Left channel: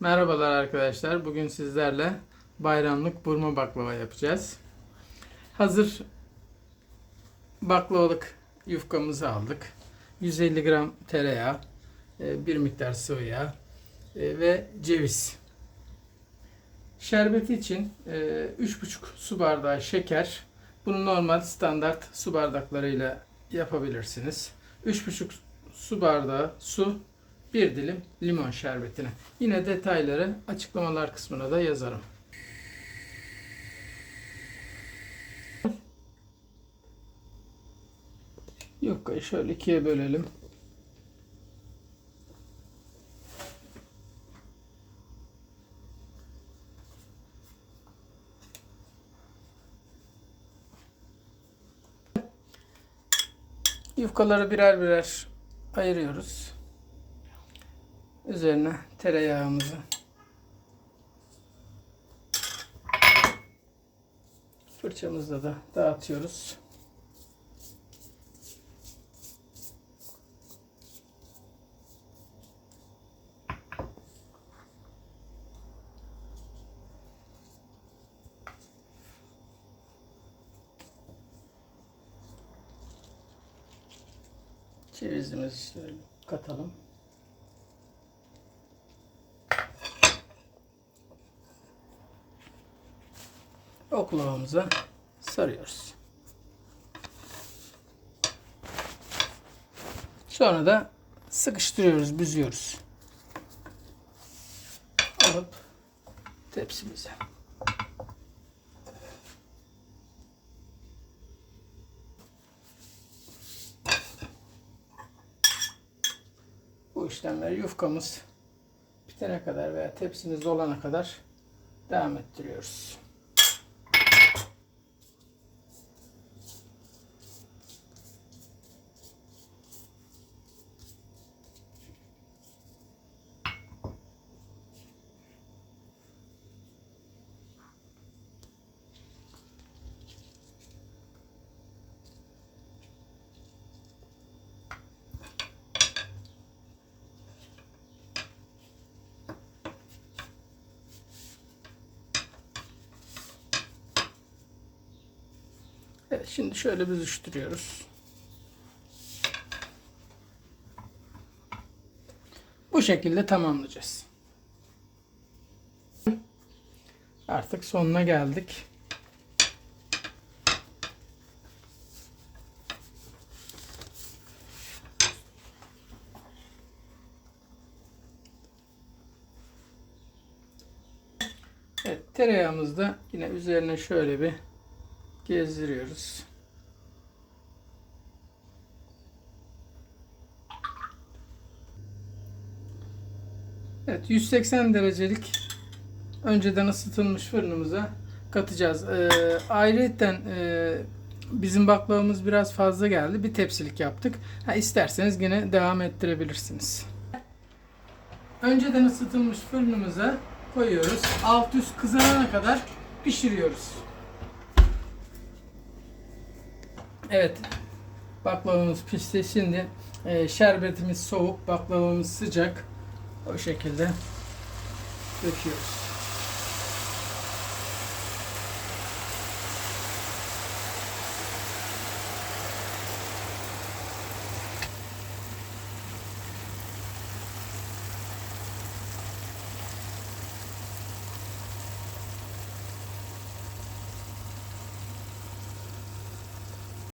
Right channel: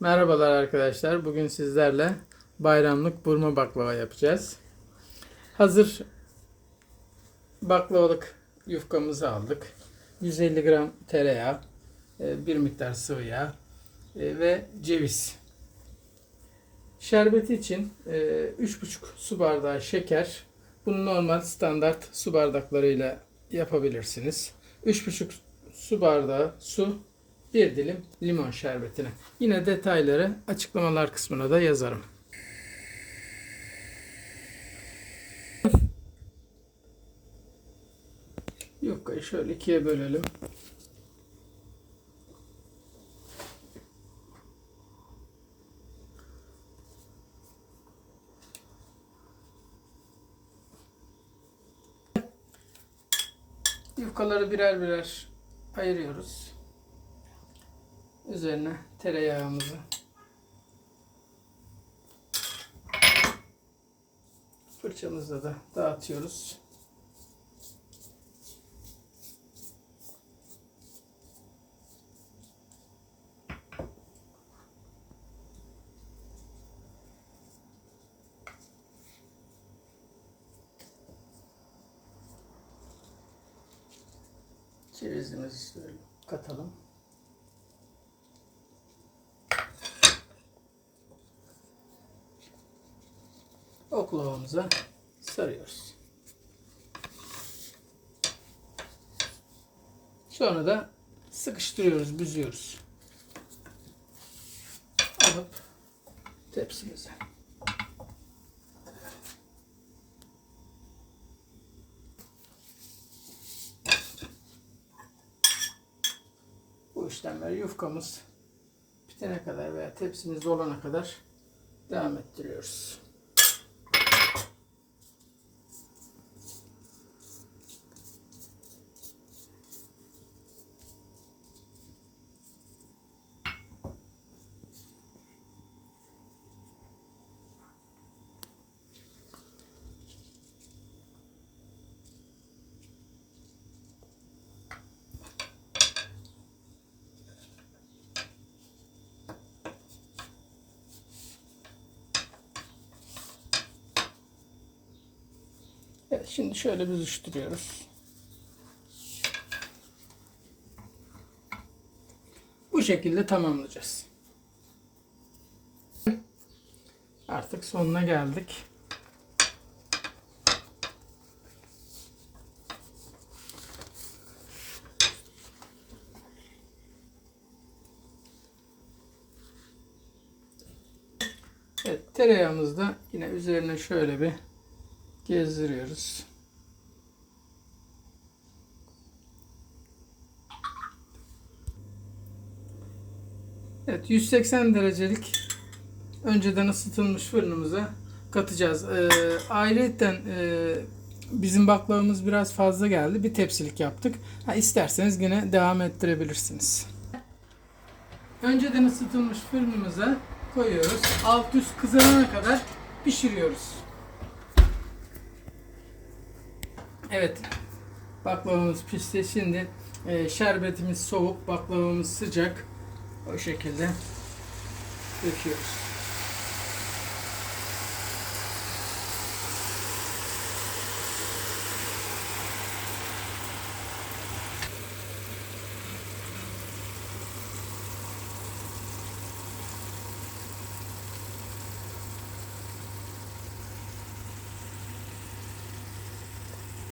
Merhabalar arkadaşlar. Bugün sizlerle bayramlık burma baklava yapacağız. Hazır baklavalık yufkamızı aldık. 150 gram tereyağı, e, bir miktar sıvı yağ e, ve ceviz. Şerbeti için e, 3,5 su bardağı şeker. Bunu normal standart su bardaklarıyla yapabilirsiniz. 3,5 su bardağı su, bir dilim limon şerbetine. Yine detayları açıklamalar kısmına da yazarım. Yufkayı şöyle ikiye bölelim. Yufkaları birer birer ayırıyoruz. Üzerine tereyağımızı fırçamızla da dağıtıyoruz. Cevizimizi şöyle katalım. Oklavamıza sarıyoruz. Sonra da sıkıştırıyoruz, büzüyoruz. Alıp tepsimize. Bu işlemleri yufkamız bitene kadar veya tepsimiz dolana kadar devam ettiriyoruz. Şimdi şöyle büzüştürüyoruz. Bu şekilde tamamlayacağız. Artık sonuna geldik. Evet tereyağımızı da yine üzerine şöyle bir gezdiriyoruz. Evet 180 derecelik önceden ısıtılmış fırınımıza katacağız. Ee, ayrıyeten e, bizim baklavamız biraz fazla geldi. Bir tepsilik yaptık. Ha, isterseniz yine devam ettirebilirsiniz. Önceden ısıtılmış fırınımıza koyuyoruz. Alt üst kızarana kadar pişiriyoruz. Evet. Baklavamız pişti. Şimdi e, şerbetimiz soğuk, baklavamız sıcak. O şekilde döküyoruz.